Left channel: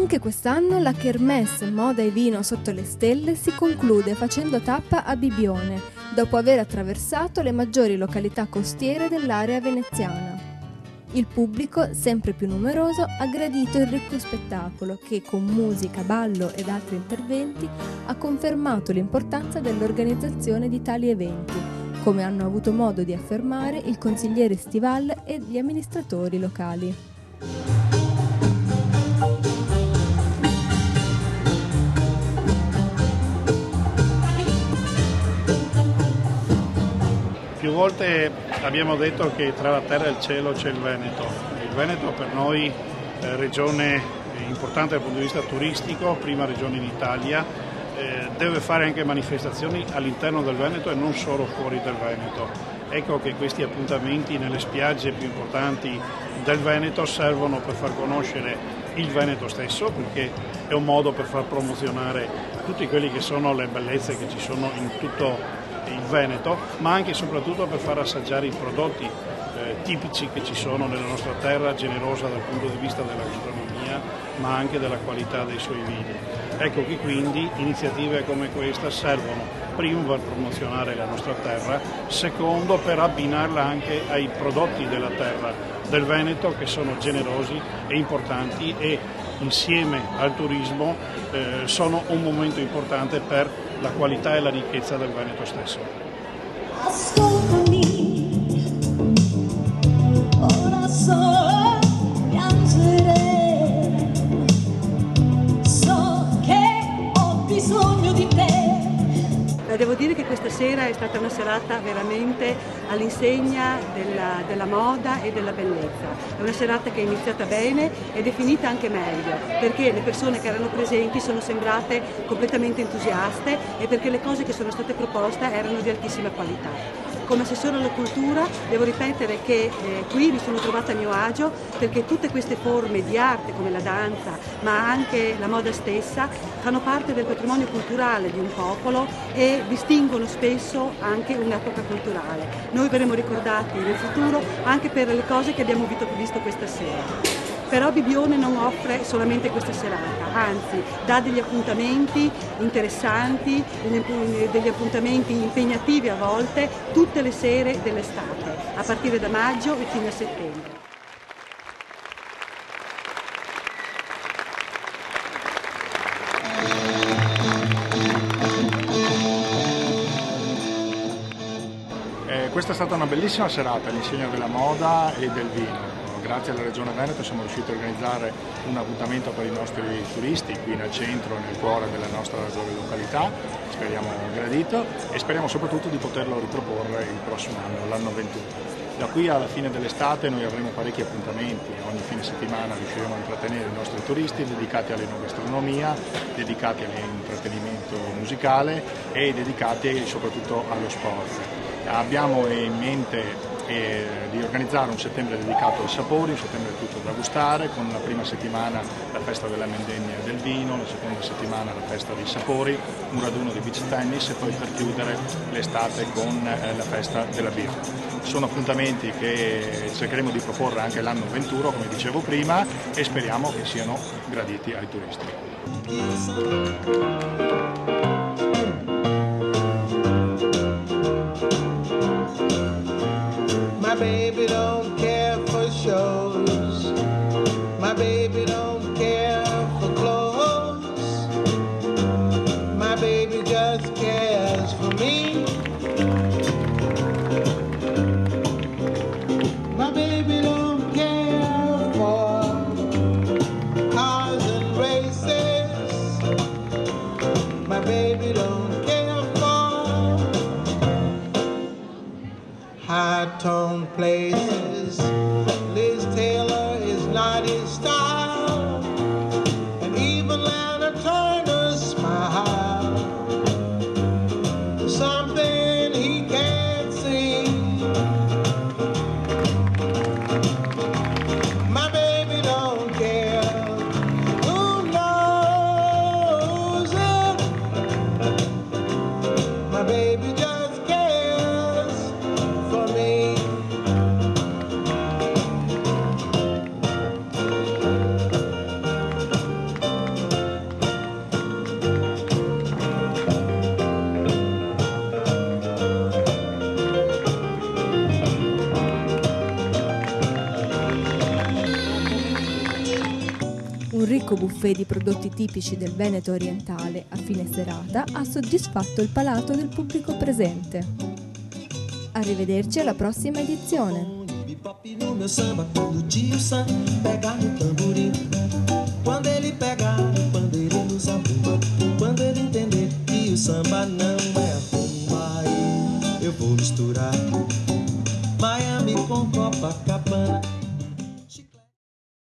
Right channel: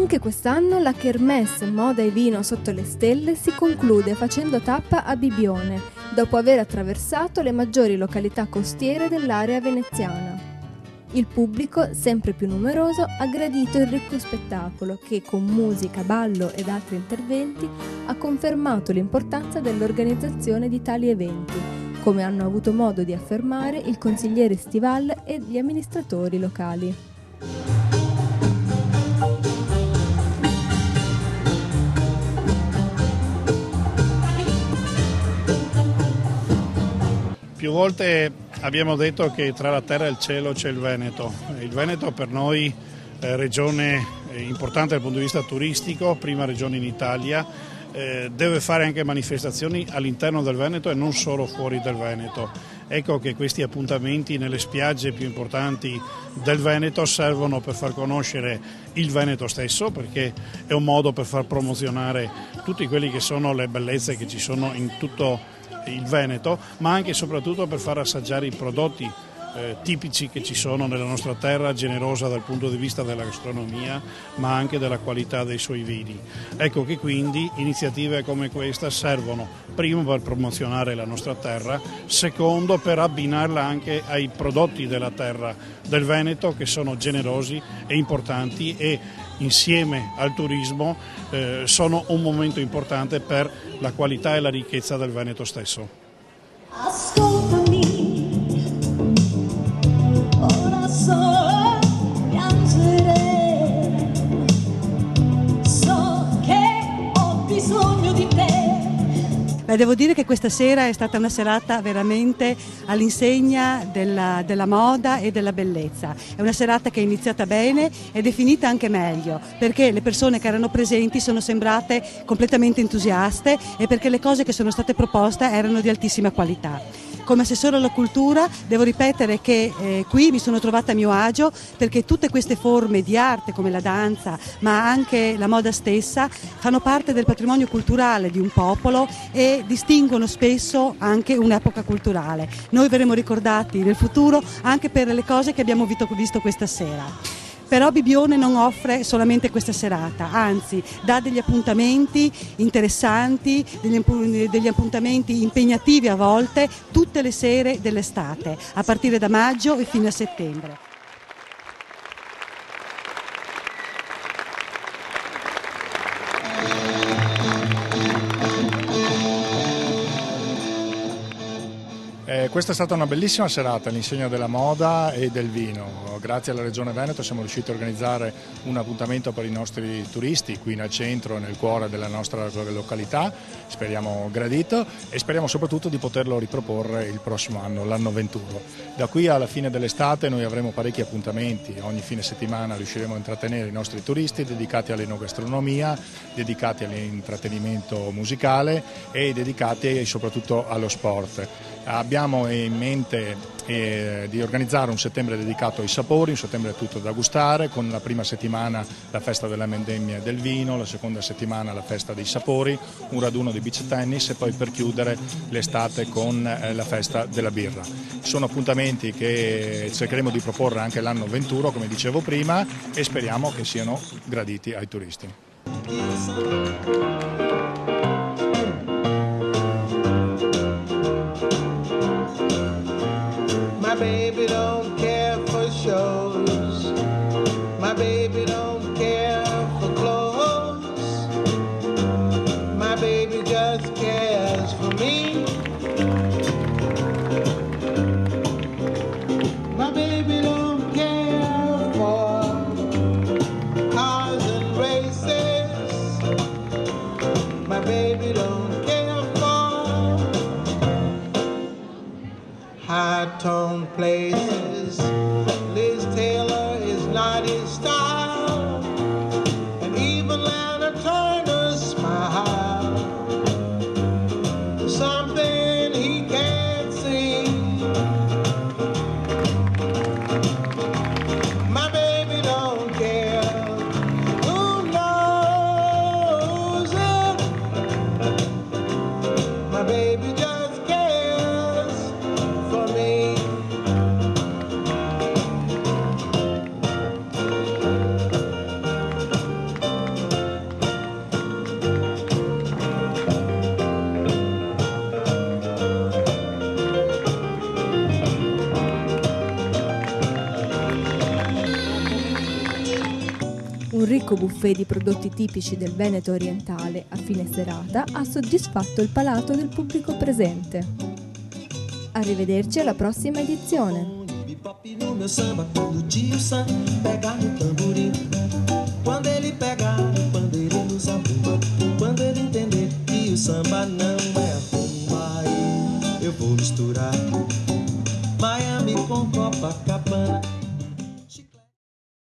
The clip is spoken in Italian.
Anche quest'anno la Kermesse Moda e Vino sotto le stelle si conclude facendo tappa a Bibione, dopo aver attraversato le maggiori località costiere dell'area veneziana. Il pubblico, sempre più numeroso, ha gradito il ricco spettacolo che, con musica, ballo ed altri interventi, ha confermato l'importanza dell'organizzazione di tali eventi, come hanno avuto modo di affermare il consigliere Stival e gli amministratori locali. Più volte abbiamo detto che tra la terra e il cielo c'è il Veneto. Il Veneto per noi è regione importante dal punto di vista turistico, prima regione in Italia, deve fare anche manifestazioni all'interno del Veneto e non solo fuori dal Veneto. Ecco che questi appuntamenti nelle spiagge più importanti del Veneto servono per far conoscere il Veneto stesso, perché è un modo per far promozionare tutte quelle che sono le bellezze che ci sono in tutto il Veneto, ma anche e soprattutto per far assaggiare i prodotti tipici che ci sono nella nostra terra, generosa dal punto di vista della gastronomia, ma anche della qualità dei suoi vini. Ecco che quindi iniziative come questa servono, primo per promozionare la nostra terra, secondo per abbinarla anche ai prodotti della terra del Veneto, che sono generosi e importanti e insieme al turismo sono un momento importante per la qualità e la ricchezza del Veneto stesso. Ascoltami, ora so piangere, so che ho bisogno di te. Devo dire che questa sera è stata una serata veramente all'insegna della moda e della bellezza. È una serata che è iniziata bene ed è finita anche meglio, perché le persone che erano presenti sono sembrate completamente entusiaste e perché le cose che sono state proposte erano di altissima qualità. Come assessore alla cultura devo ripetere che qui mi sono trovata a mio agio, perché tutte queste forme di arte come la danza ma anche la moda stessa fanno parte del patrimonio culturale di un popolo e distinguono spesso anche un'epoca culturale. Noi verremo ricordati nel futuro anche per le cose che abbiamo visto questa sera. Però Bibione non offre solamente questa serata, anzi dà degli appuntamenti interessanti, degli appuntamenti impegnativi a volte, tutte le sere dell'estate, a partire da maggio e fino a settembre. Questa è stata una bellissima serata all'insegna della moda e del vino. Grazie alla Regione Veneto siamo riusciti a organizzare un appuntamento per i nostri turisti qui nel centro, nel cuore della nostra località, speriamo gradito e speriamo soprattutto di poterlo riproporre il prossimo anno, l'anno 21. Da qui alla fine dell'estate noi avremo parecchi appuntamenti, ogni fine settimana riusciremo a intrattenere i nostri turisti dedicati all'enogastronomia, dedicati all'intrattenimento musicale e dedicati soprattutto allo sport. Abbiamo in mente di organizzare un settembre dedicato ai sapori, un settembre tutto da gustare, con la prima settimana la festa della vendemmia e del vino, la seconda settimana la festa dei sapori, un raduno di beach tennis e poi per chiudere l'estate con la festa della birra. Sono appuntamenti che cercheremo di proporre anche l'anno 21, come dicevo prima, e speriamo che siano graditi ai turisti. My baby don't care for shows. My baby don't care for clothes. My baby just cares for me. My baby don't care for cars and races. My baby don't care for high-tone places. Liz Taylor is not his style, and even Lana Turner's smile. Something he can't see. My baby don't care. Who knows it? My baby just cares for me. Un ricco buffet di prodotti tipici del Veneto orientale a fine serata ha soddisfatto il palato del pubblico presente. Arrivederci alla prossima edizione. Bebop no meu samba, quando o tio Sam pega no tamborim, quando ele pegar no pandeiro e no zabumba, quando ele entender que o samba não é rumba, aí eu vou misturar Miami com Copacabana.